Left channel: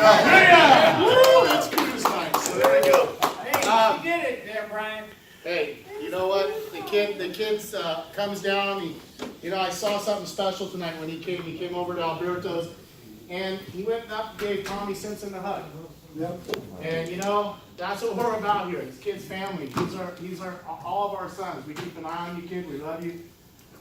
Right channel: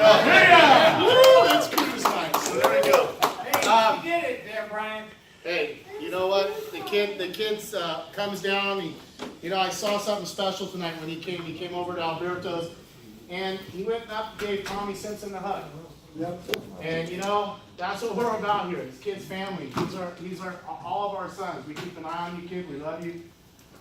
Yeah. Woo, that's cruise night. So there we go. Hey, you did it there, Brian. Hey, you know what? The kids comes down. I saw something special tonight when he came. He came over to Alberto's, and he went up and gave Tommy Simpson a hug. And that's what we're about here. It's kids' family. These are all of our sons. We keep an eye on you, kid. We love you.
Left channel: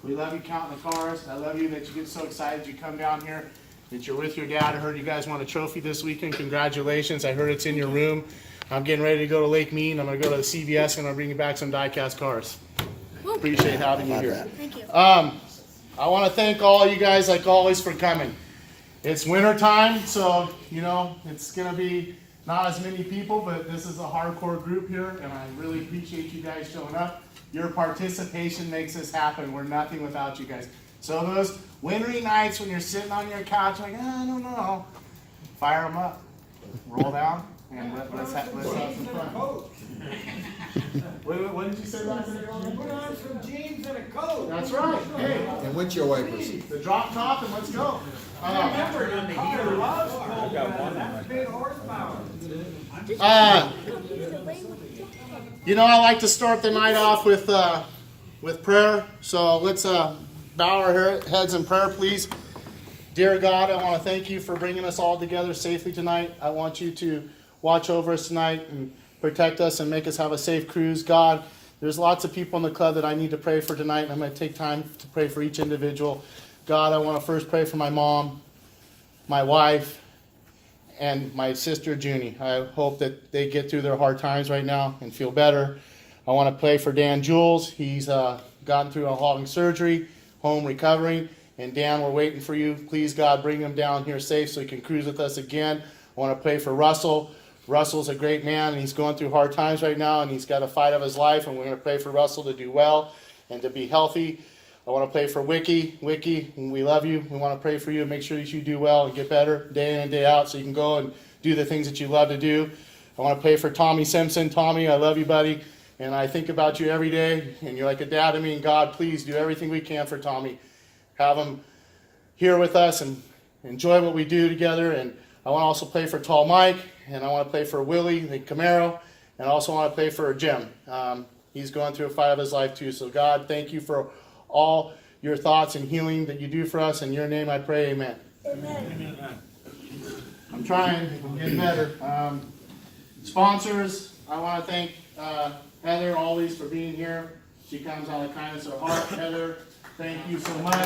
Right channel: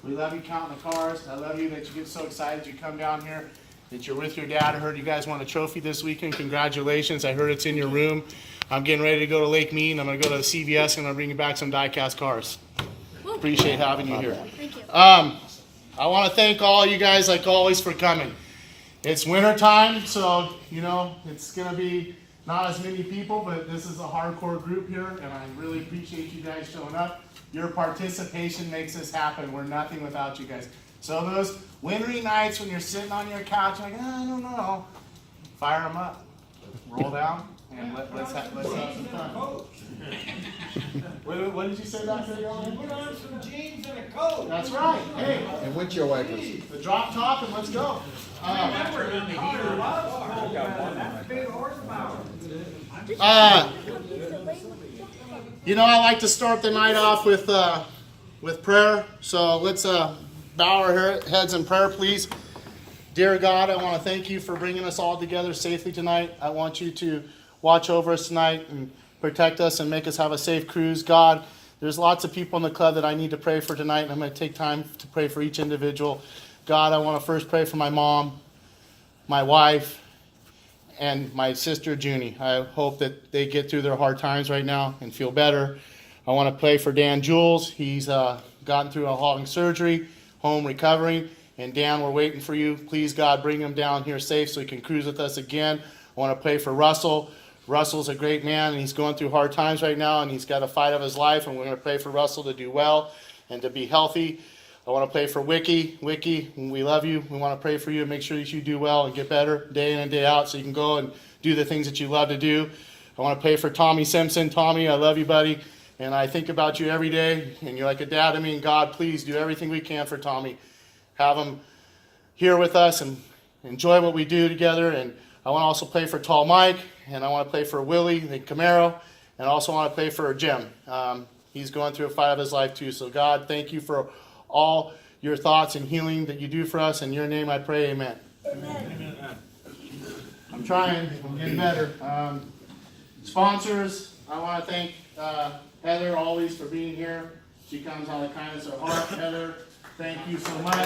We love you counting the cars. I love you that you get so excited you come down here, that you're with your dad. I heard you guys won a trophy this weekend. Congratulations. I heard it's in your room. I'm getting ready to go to Lake Mead. I'm going to go to CVS and I'm going to bring you back some die-cast cars. Appreciate having you here. Thank you. I want to thank all you guys, like always, for coming. It's winter time, so, it's going to be not as many people, but this is a hardcore group here, and I really appreciate you guys showing up. Your participation makes this happen. We're nothing without you guys. So those wintry nights when you're sitting on your couch like, I don't know, fire them up, roll down, and let's have some fun. What did you say back there? Put on some jeans and a coat. That's right. Hey, And windshield wipers. the drop top, and let's go. Remember, the car loves cold weather. That's big horsepower. I like to start the night off with prayer. So let's bow our heads in prayer, please. Dear God, I want to thank you for bringing us all together safely tonight. I want you to watch over us tonight and protect us and make us have a safe cruise. God, there's lots of people in the club that I need to pray for tonight, and I'm going to take time to pray for each individual. God, I want to first pray for my mom, my wife, and my sister, Junie. I hope that they get through their hard times right now and feel better. I want to pray for Dan Jules. He's gotten through a long surgery, home recovering. And Dan, we're waiting for you. Please, God, bring him down here safe so he can cruise with us again. I want to pray for Russell. Russell's a great man, and he's going through hard times right now, and he's got a fight of his life, and we're going to pray for Russell to do well and to be healthy. I want to pray for Wiki. Wiki, we love you. We want to pray for you and make sure that you do well and get better day in and day out so you can go and do the things that you love to do. I want to pray for Tommy Simpson. Tommy, I love you, buddy, and I think about you every day, and you're like a dad to me, and God, please do everything we can for Tommy. Have him here with us and enjoy what we do together. And I want to also pray for Tall Mike, and I want to pray for Willie, the Camaro, and I also want to pray for Jim. He's going through a fight of his life too. So God, thank you for all your thoughts and healing that you do for us. In your name I pray, amen. Amen. I'm trying. I'm getting better. Sponsors, I want to thank Heather always for being here. She comes out of the kindness of her heart. Heather, thank you so much.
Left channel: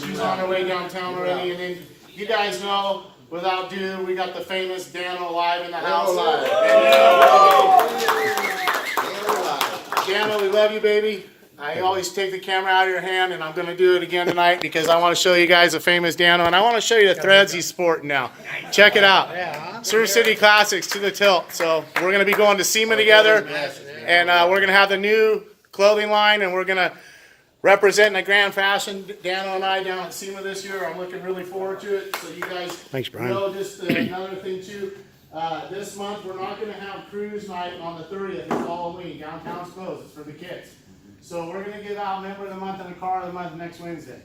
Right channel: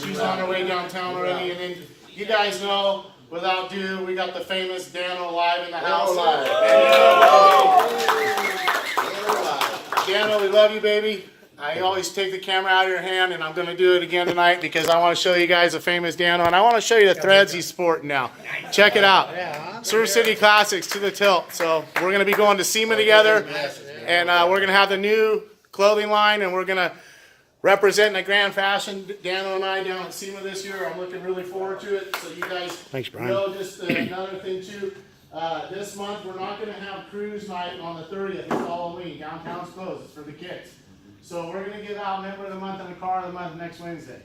She's on her way downtown already. And then you guys know, without ado, we got the famous Dano live in the house. Dano, we love you, baby. I always take the camera out of your hand, and I'm going to do it again tonight because I want to show you guys the famous Dano, and I want to show you the threads he's sporting now. Check it out. Surf City Classics to the tilt. So we're going to be going to SEMA together, and we're going to have the new clothing line, and we're going to represent in the grand fashion. Dano and I down at SEMA this year. I'm looking really forward to it. So you guys know just another thing too. This month we're not going to have cruise night on the 30th. It's Halloween. Downtown's closed. It's for the kids. So we're going to give out member of the month and the car of the month next Wednesday.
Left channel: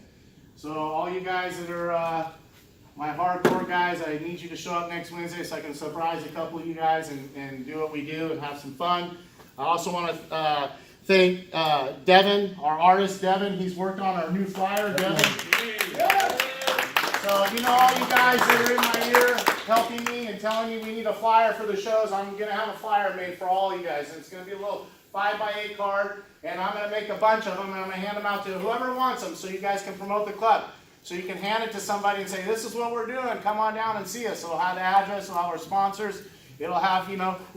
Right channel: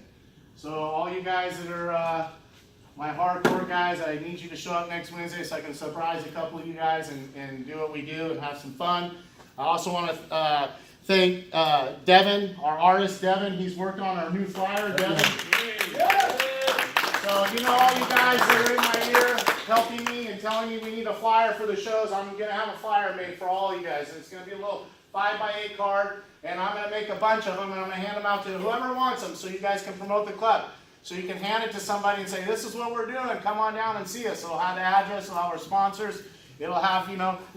So all you guys that are my hardcore guys, I need you to show up next Wednesday so I can surprise a couple of you guys and do what we do and have some fun. I also want to thank Devin, our artist Devin. He's working on our new flyer, Devin. So all you guys that are in my ear helping me and telling me we need a flyer for the shows, I'm going to have a flyer made for all you guys. And it's going to be a little 5x8 card, and I'm going to make a bunch of them, and I'm going to hand them out to whoever wants them so you guys can promote the club. So you can hand it to somebody and say, this is what we're doing, come on down and see us. So it'll have the address, it'll have our sponsors, it'll have,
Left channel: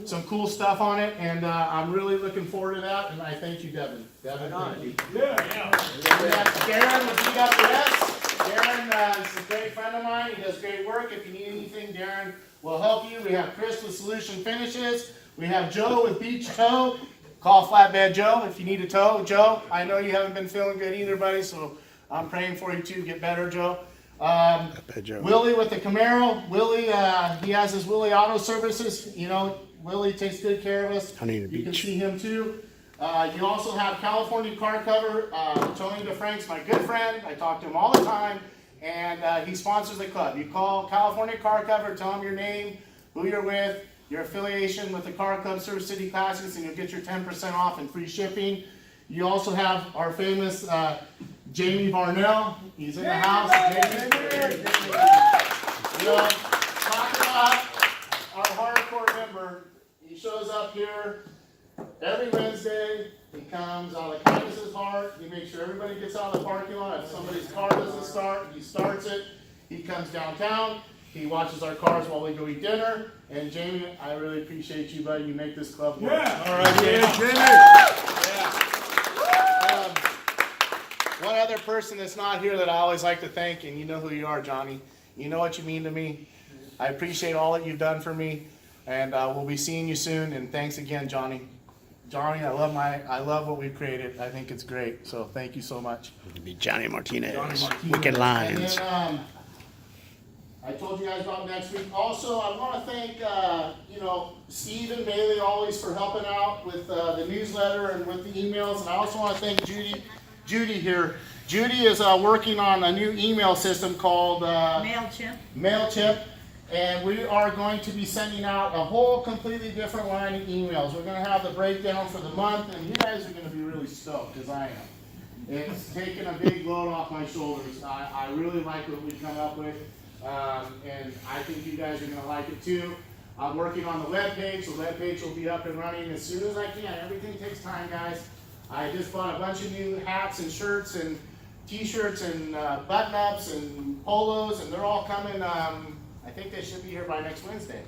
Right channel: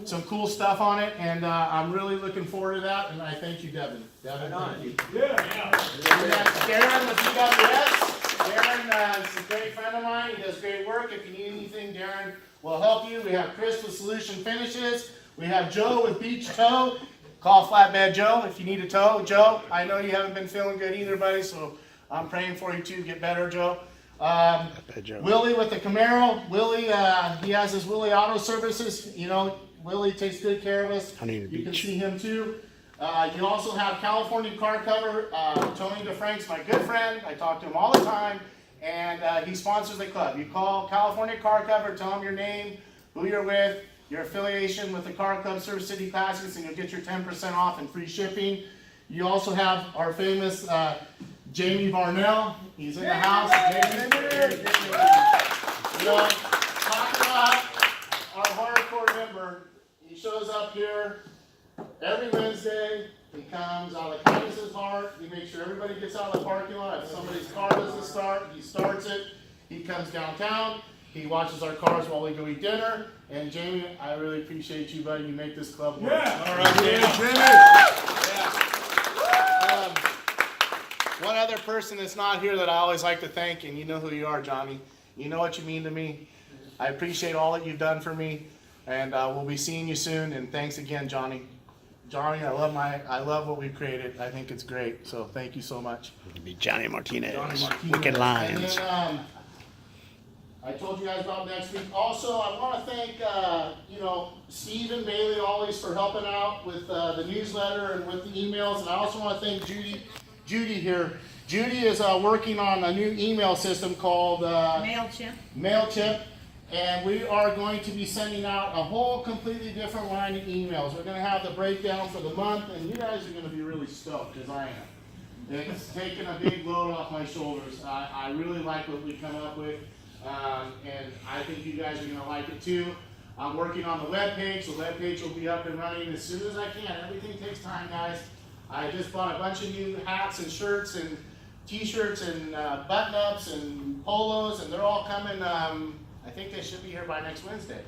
some cool stuff on it, and I'm really looking forward to that, and I thank you, Devin. Devin, thank you. Yeah. We got Darren with CWS. Darren is a great friend of mine. He does great work. If you need anything, Darren will help you. We have Chris with Solution Finishes. We have Joe with Beach Tow. Call Flatbed Joe if you need a tow. Joe, I know you haven't been feeling good either, buddy, so I'm praying for you too. Get better, Joe. Willie with the Camaro. Willie, he has his Willie Auto Services. Willie takes good care of us. You can see him too. You also have California Car Cover. Tony DeFrank's my good friend. I talk to him all the time. and he sponsors the club. You call California Car Cover, tell them your name, who you're with, your affiliation with the Car Club Surf City Classics, and you'll get your 10% off and free shipping. You also have our famous Jamie Varnell. He's in the house. Jamie. Talking about our hardcore member. He shows up here every Wednesday. He comes out of kindness of his heart. He makes sure everybody gets out of the parking lot. If somebody's car doesn't start, he starts it. He comes downtown. He watches our cars while we go eat dinner. And Jamie, I really appreciate you, buddy. You make this club work. Yeah. All right, Jamie. One other person that's not here that I always like to thank, and you know who you are, Johnny. You know what you mean to me. I appreciate all that you've done for me, and we'll be seeing you soon. And thanks again, Johnny. Johnny, I love what we've created. I think it's great. So thank you so much. It'd be Johnny Martinez. Martinez. Wicked Lions. And then, I told you guys about next week. Also, I want to thank Steve and Bailey always for helping out with the newsletter and with the emails. And I also want to thank Judy here. Judy is working on a new email system called MailChimp. And we are going to be sending out a whole completely different line of emails. We're going to have the breakdown for the month, and you guys are going to be really stoked, because I am. It's taken a big load off my shoulders. I really like what we come up with, and I think you guys are going to like it too. I'm working on the webpage. The webpage will be up and running as soon as I can. Everything takes time, guys. I just bought a bunch of new hats and shirts and t-shirts and button-ups and polos, and they're all coming. I think they should be here by next Wednesday.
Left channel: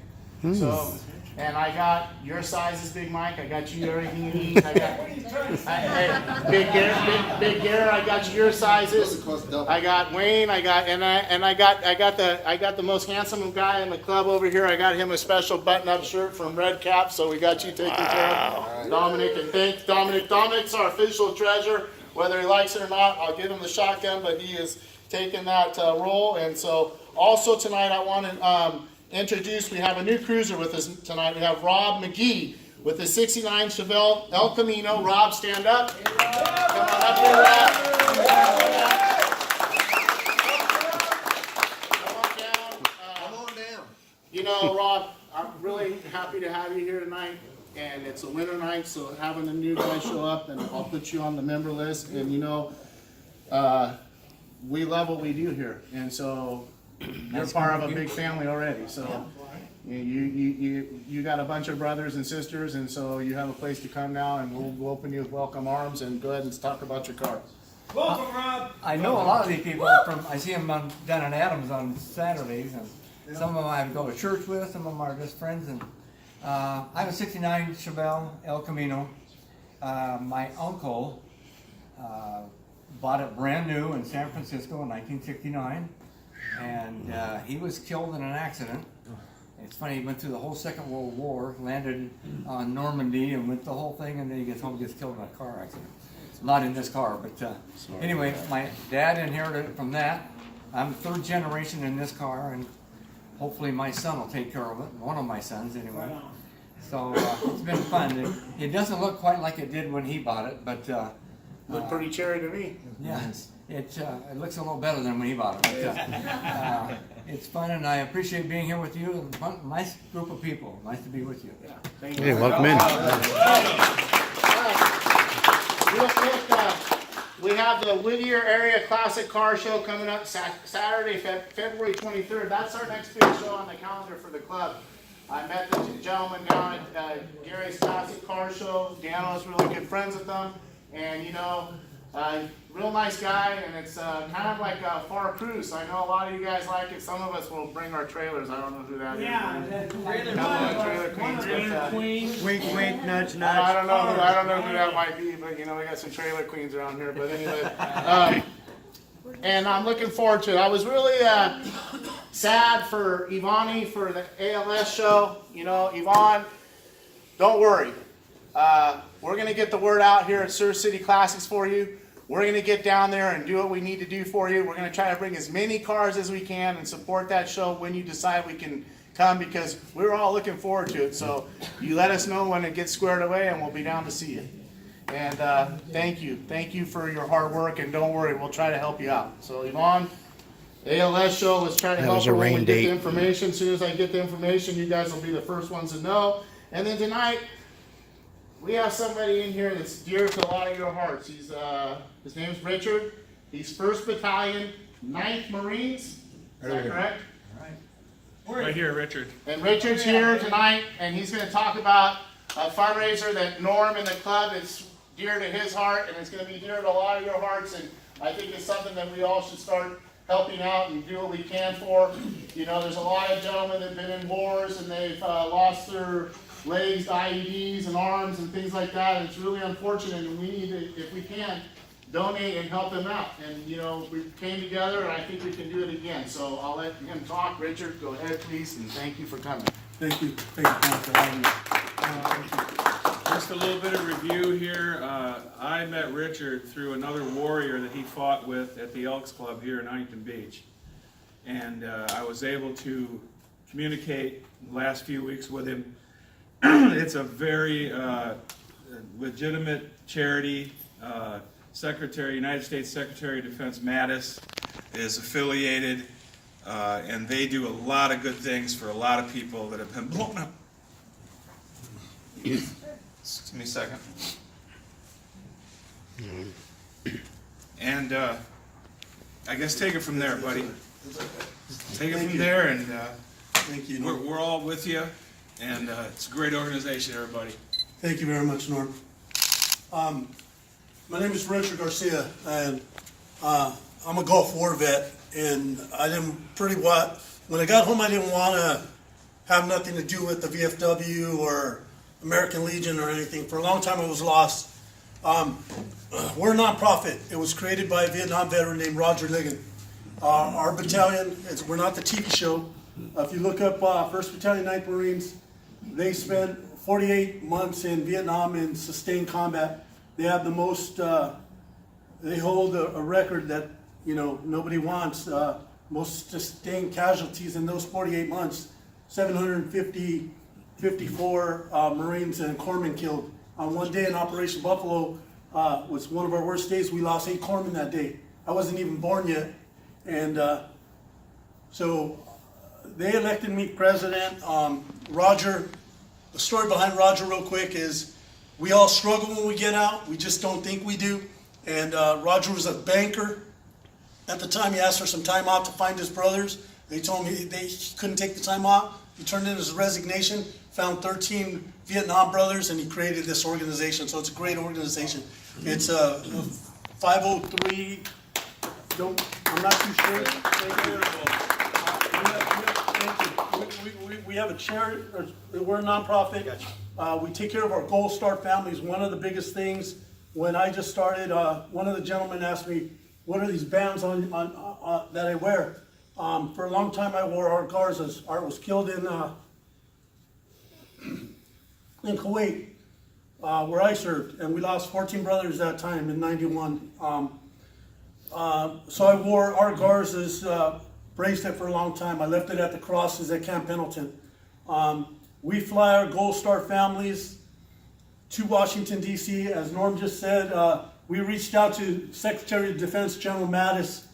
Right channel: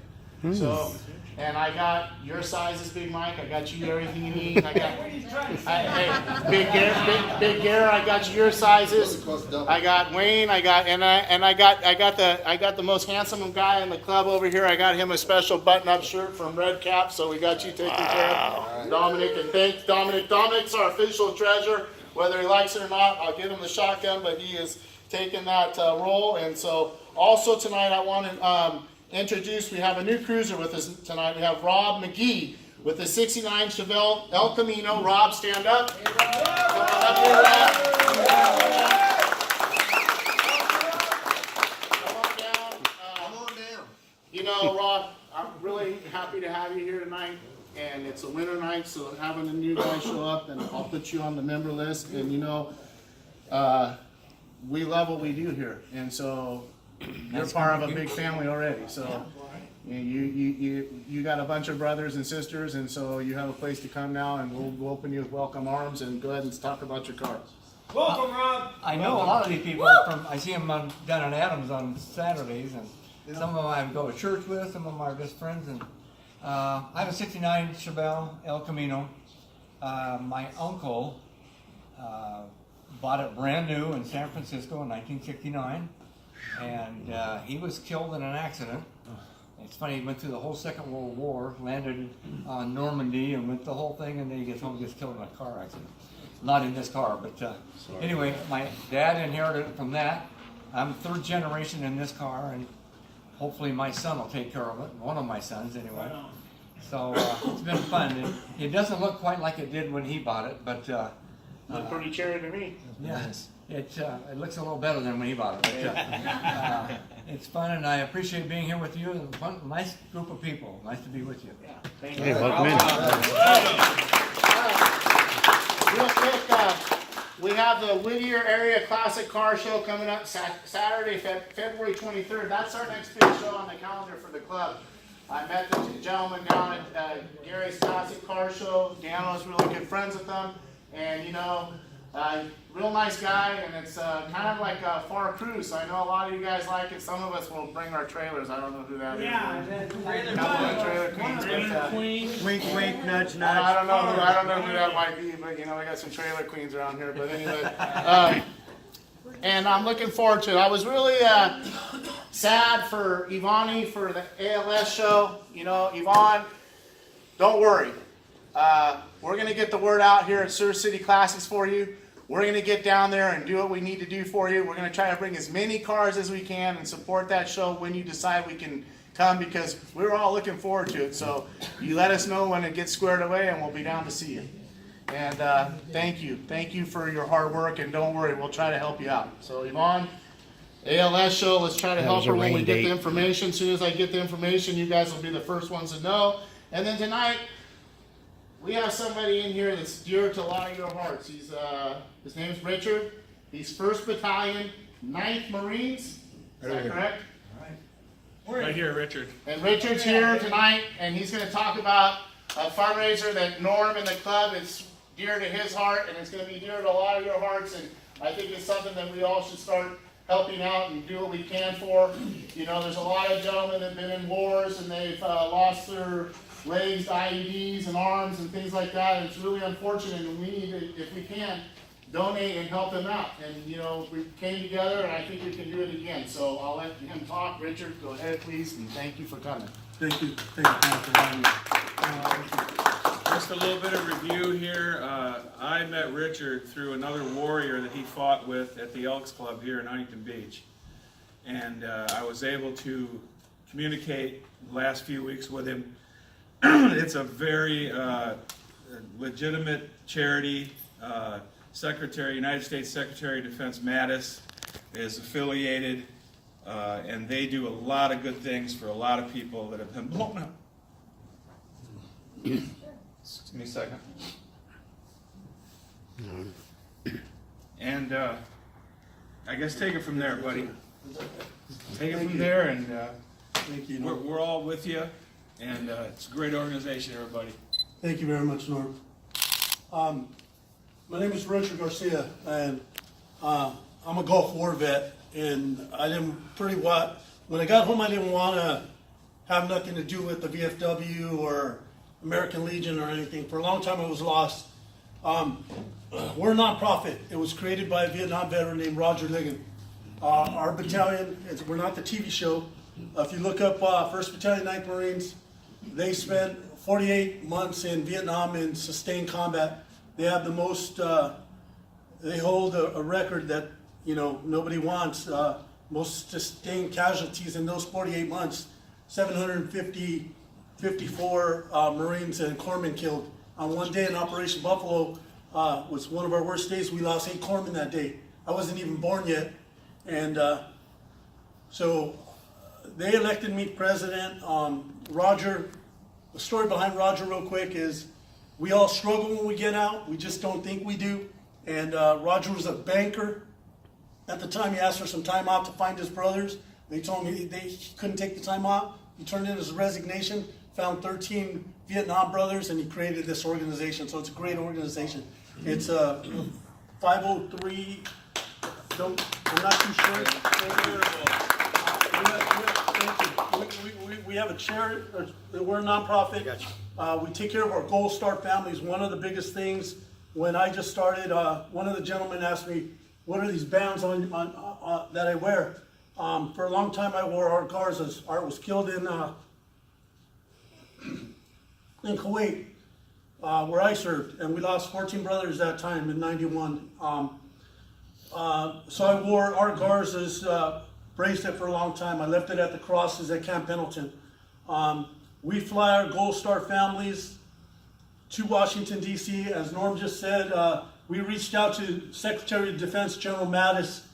So, and I got your sizes, Big Mike. I got you everything you need. I got Big Gary. I got your sizes. I got Wayne. I got the most handsome guy in the club over here. I got him a special button-up shirt from Red Cap. So we got you taken care of, Dominic. And thanks, Dominic. Dominic's our official treasurer. Whether he likes it or not, I'll give him the shotgun, but he is taking that role. And so. Also tonight I want to introduce, we have a new cruiser with us tonight. We have Rob McGee with the 69 Chevelle El Camino. Rob, stand up. You know, Rob, I'm really happy to have you here tonight. And it's a winter night, so having a new guy show up, and I'll put you on the member list. And you know, we love what we do here. And so you're part of a big family already, so you got a bunch of brothers and sisters, and so you have a place to come now, and we'll open you with welcome arms and go ahead and talk about your cars. Welcome, Rob. I know a lot of these people I see them down in Adams on Saturdays, and some of them I go to church with, some of them are just friends. And I have a 69 Chevelle El Camino. My uncle bought it brand new in San Francisco in 1969. And he was killed in an accident. It's funny, he went through the whole Second World War, landed on Normandy, and went the whole thing, and then he gets home and gets killed in a car accident. Not in this car, but anyway, my dad inherited it from that. I'm third generation in this car, and hopefully my son will take care of it. One of my sons, anyway. So it's been fun. It doesn't look quite like it did when he bought it, but looked pretty cherry to me. Yeah. It looks a little better than when he bought it, but it's fun, and I appreciate being here with you. And fun, nice group of people. Nice to be with you. Thank you. Hey, welcome in. Real quick, we have the Whittier Area Classic Car Show coming up Saturday, February 23rd. That's our next big show on the calendar for the club. I met the gentleman down at Gary's Classic Car Show. Dano is really good friends with them, and you know. Real nice guy, and it's kind of like a far cruise. I know a lot of you guys like it. Some of us will bring our trailers. I don't know who that is. Trailer Queen. Wink, wink, nudge, nudge. I don't know who that might be, but you know, we got some trailer queens around here. But anyway, and I'm looking forward to it. I was really sad for Ivani for the ALS show. You know, Yvonne, don't worry. We're going to get the word out here at Surf City Classics for you. We're going to get down there and do what we need to do for you. We're going to try to bring as many cars as we can and support that show when you decide we can come, because we're all looking forward to it. So you let us know when it gets squared away, and we'll be down to see you. And thank you. Thank you for your hard work, and don't worry, we'll try to help you out. So Yvonne, ALS Show. Let's try to That help was her a when we rain get the date. information. As soon as I get the information, you guys will be the first ones to know. And then tonight, we have somebody in here that's dear to a lot of your hearts. His name's Richard. He's 1st Battalion, 9th Marines. Is that correct? Right here, Richard. And Richard's here tonight, and he's going to talk about a fundraiser that Norm and the club is dear to his heart, and it's going to be dear to a lot of your hearts. And I think it's something that we all should start helping out and do what we can for. You know, there's a lot of gentlemen that have been in wars and they've lost their legs, IEDs, and arms and things like that. And it's really unfortunate, and we need to, if we can, donate and help them out. And you know, we came together, and I think we can do it again. So I'll let him talk. Richard, go ahead, please, and thank you for coming. Thank you, Pam, for having me. Just a little bit of review here. I met Richard through another warrior that he fought with at the Elks Club here in Huntington Beach. And I was able to communicate the last few weeks with him. It's a very legitimate charity. United States Secretary of Defense Mattis is affiliated, and they do a lot of good things for a lot of people that have been blown up. Just give me a second. And I guess take it from there, buddy. Take it from there, and Thank you, Norm. we're all with you, and it's a great organization, everybody. Thank you very much, Norm. My name is Richard Garcia, and I'm a Gulf War vet, and when I got home, I didn't want to have nothing to do with the VFW or American Legion or anything. For a long time, I was lost. We're a nonprofit. It was created by a Vietnam veteran named Roger Ligon. Our battalion, we're not the TV show. If you look up 1st Battalion, 9th Marines, they spent 48 months in Vietnam in sustained combat. They have the most, they hold a record that, you know, nobody wants. Most sustained casualties in those 48 months, 754 Marines and corpsmen killed. On one day in Operation Buffalo was one of our worst days. We lost 8 corpsmen that day. I wasn't even born yet. And so they elected me president. Roger, the story behind Roger real quick is we all struggle when we get out. We just don't think we do. And Roger was a banker. At the time, he asked for some time off to find his brothers. They told me he couldn't take the time off. He turned in his resignation, found 13 Vietnam brothers, and he created this organization. So it's a great organization. It's a 503, I'm not too sure. We have a charity, we're a nonprofit. We take care of our Gold Star families. One of the biggest things, when I just started, one of the gentlemen asked me, what are these bands on that I wear? For a long time I wore Art Garza's. Art was killed in Kuwait, where I served, and we lost 14 brothers that time in '91. So I wore Art Garza's bracelet for a long time. I left it at the crosses at Camp Pendleton. We fly our Gold Star families to Washington, D.C. As Norm just said, we reached out to Secretary of Defense General Mattis,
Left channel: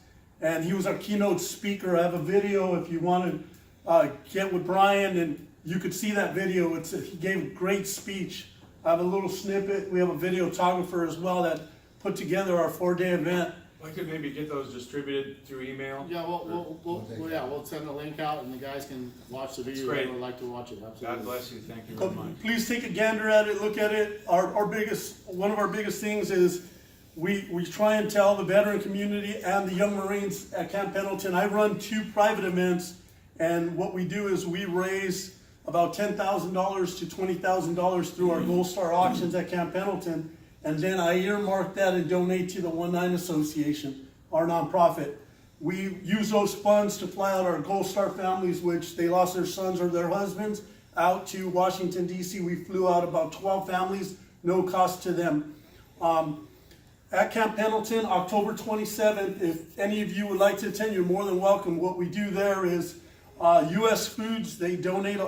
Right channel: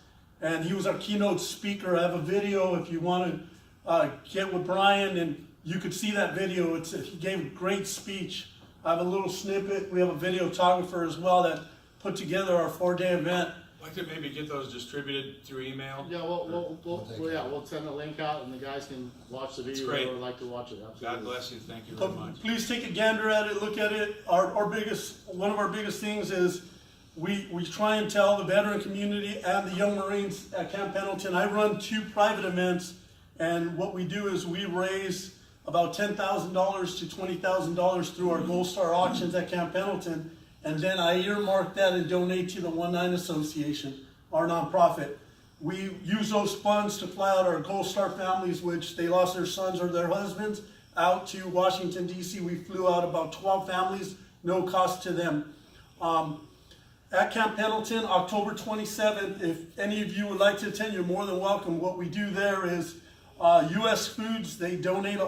and he was our keynote speaker. I have a video if you want to get with Brian, and you could see that video. He gave a great speech. I have a little snippet. We have a videographer as well that put together our 4-day event. I'd like to maybe get those distributed through email. Yeah, we'll send a link out, and the guys can watch the video. great. Or like to watch it. Absolutely. God bless you. Thank you very much. Please take a gander at it, look at it. One of our biggest things is we try and tell the veteran community and the young Marines at Camp Pendleton. I run 2 private events, and what we do is we raise about $10,000 to $20,000 through our Gold Star auctions at Camp Pendleton, and then I earmark that and donate to the 1-9 Association, our nonprofit. We use those funds to fly out our Gold Star families, which they lost their sons or their husbands, out to Washington, D.C. We flew out about 12 families, no cost to them. At Camp Pendleton, October 27th, if any of you would like to attend, you're more than welcome. What we do there is U.S. Foods, they donate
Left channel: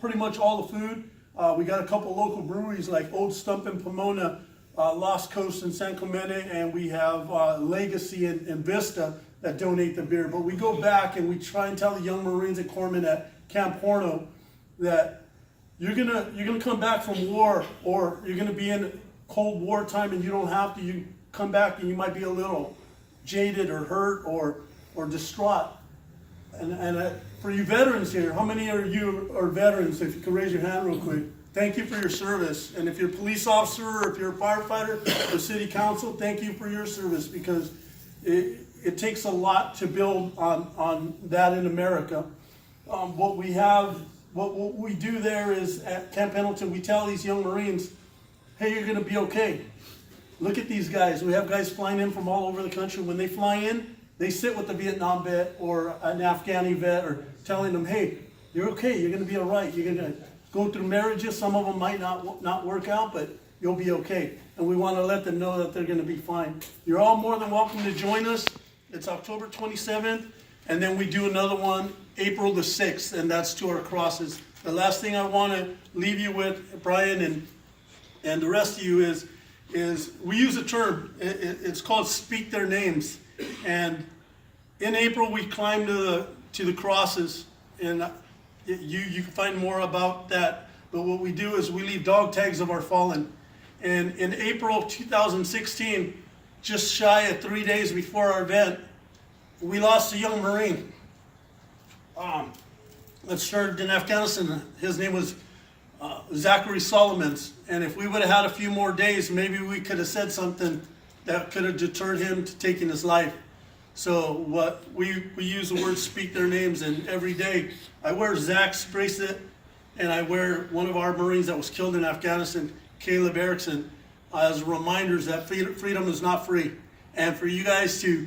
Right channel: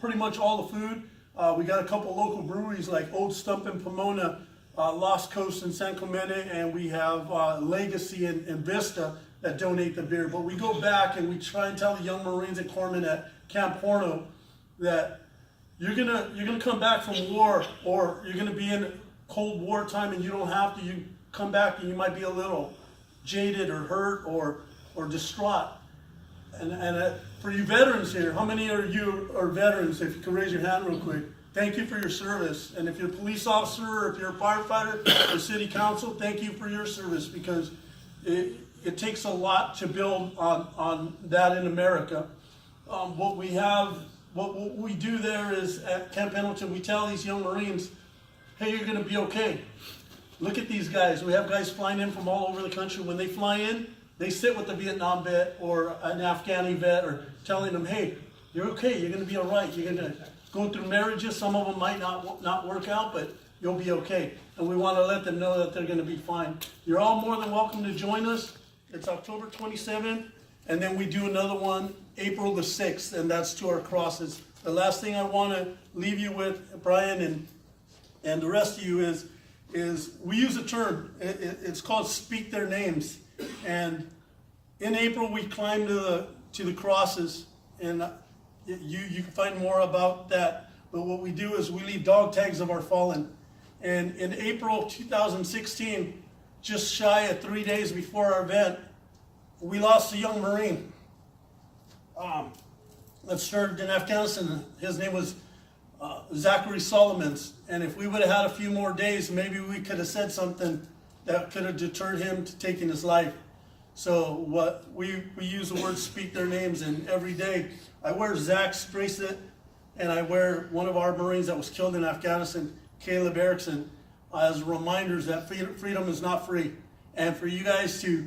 pretty much all the food. We got a couple local breweries like Old Stump in Pomona, Lost Coast in San Clemente, and we have Legacy in Vista that donate the beer. But we go back and we try and tell the young Marines and corpsmen at Camp Horno that you're gonna come back from war, or you're gonna be in Cold War time and you don't have to. You come back and you might be a little jaded or hurt or distraught. And for you veterans here, how many of you are veterans? If you could raise your hand real quick. Thank you for your service. And if you're a police officer, or if you're a firefighter, or city council, thank you for your service, because it takes a lot to build on that in America. What we do there is at Camp Pendleton, we tell these young Marines, hey, you're gonna be okay. Look at these guys. We have guys flying in from all over the country. When they fly in, they sit with the Vietnam vet or an Afghani vet, or telling them, hey, you're okay, you're gonna be all right. You're gonna go through marriages. Some of them might not work out, but you'll be okay. And we wanna let them know that they're gonna be fine. You're all more than welcome to join us. It's October 27th, and then we do another one April the 6th, and that's to our crosses. The last thing I wanna leave you with, Brian and the rest of you, is we use a term, it's called speak their names. And in April we climb to the crosses, and you can find more about that. But what we do is we leave dog tags of our fallen. And in April 2016, just shy of 3 days before our event, we lost a young Marine that started in Afghanistan. His name was Zachary Solomons. And if we would have had a few more days, maybe we could have said something that could have deterred him to taking his life. So what we use the word speak their names, and every day I wear Zach's bracelet, and I wear one of our Marines that was killed in Afghanistan, Caleb Erickson, as reminders that freedom is not free. And for you guys to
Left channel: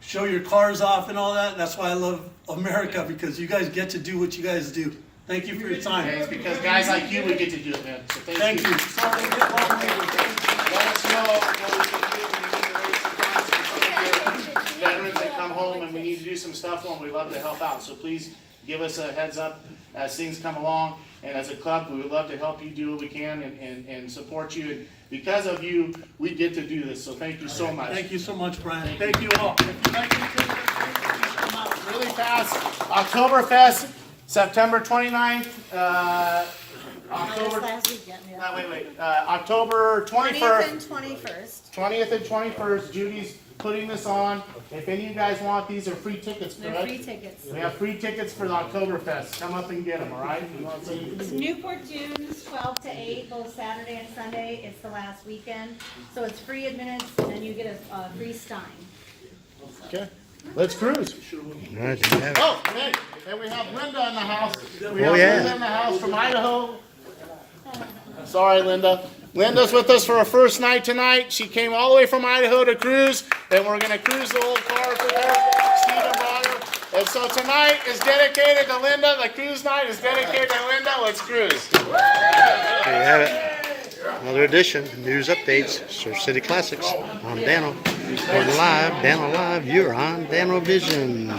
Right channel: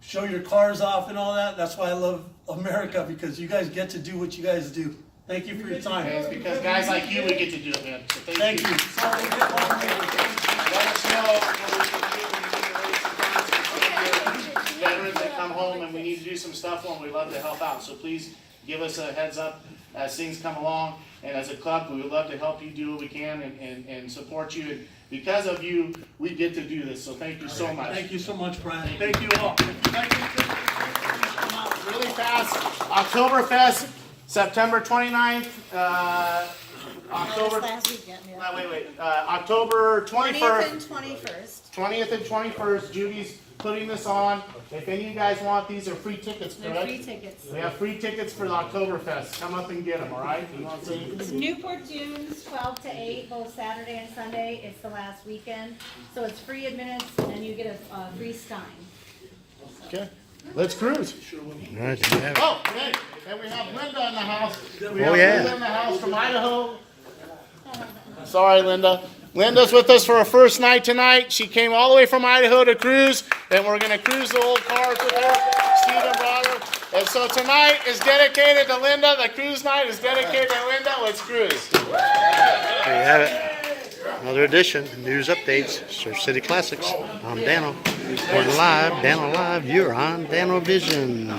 show your cars off and all that, that's why I love America, because you guys get to do what you guys do. Thank you for your time. It's because guys like you, we get to do it, man. So Thank you. Sorry to get long-winded. Let us know what we can do. We need to raise some funds for some of your veterans that come home, and we need to do some stuff for them. We'd love to help out. So please give us a heads up as things come along. And as a club, we would love to help you do what we can and support you. And because of you, we get to do this. So thank you so much. Thank you so much, Brian. Thank you all. If you'd like to Come out really fast. Oktoberfest, September 29th. October. October 21st. 20th and 21st. 20th and 21st. Judy's putting this on. If any of you guys want, these are free tickets, They're correct? free tickets. We have free tickets for the Oktoberfest. Come up and get them, all right? Newport Dunes, 12 to 8, both Saturday and Sunday. It's the last weekend. So it's free admittance, and then you get a free stein. Okay, let's cruise. All right, there you have it. Oh, great. And we have Linda in the house. We Oh, have yeah. Linda in the house from Idaho. Sorry, Linda. Linda's with us for her first night tonight. She came all the way from Idaho to cruise, and we're going to cruise the old car for her. Stephen brought her. And so tonight is dedicated to Linda. The cruise night is dedicated to Linda. Let's cruise. There you have it. Another edition, news updates, Surf City Classics. I'm Dano. Reporting live, Dano Live. You're on Dano Vision.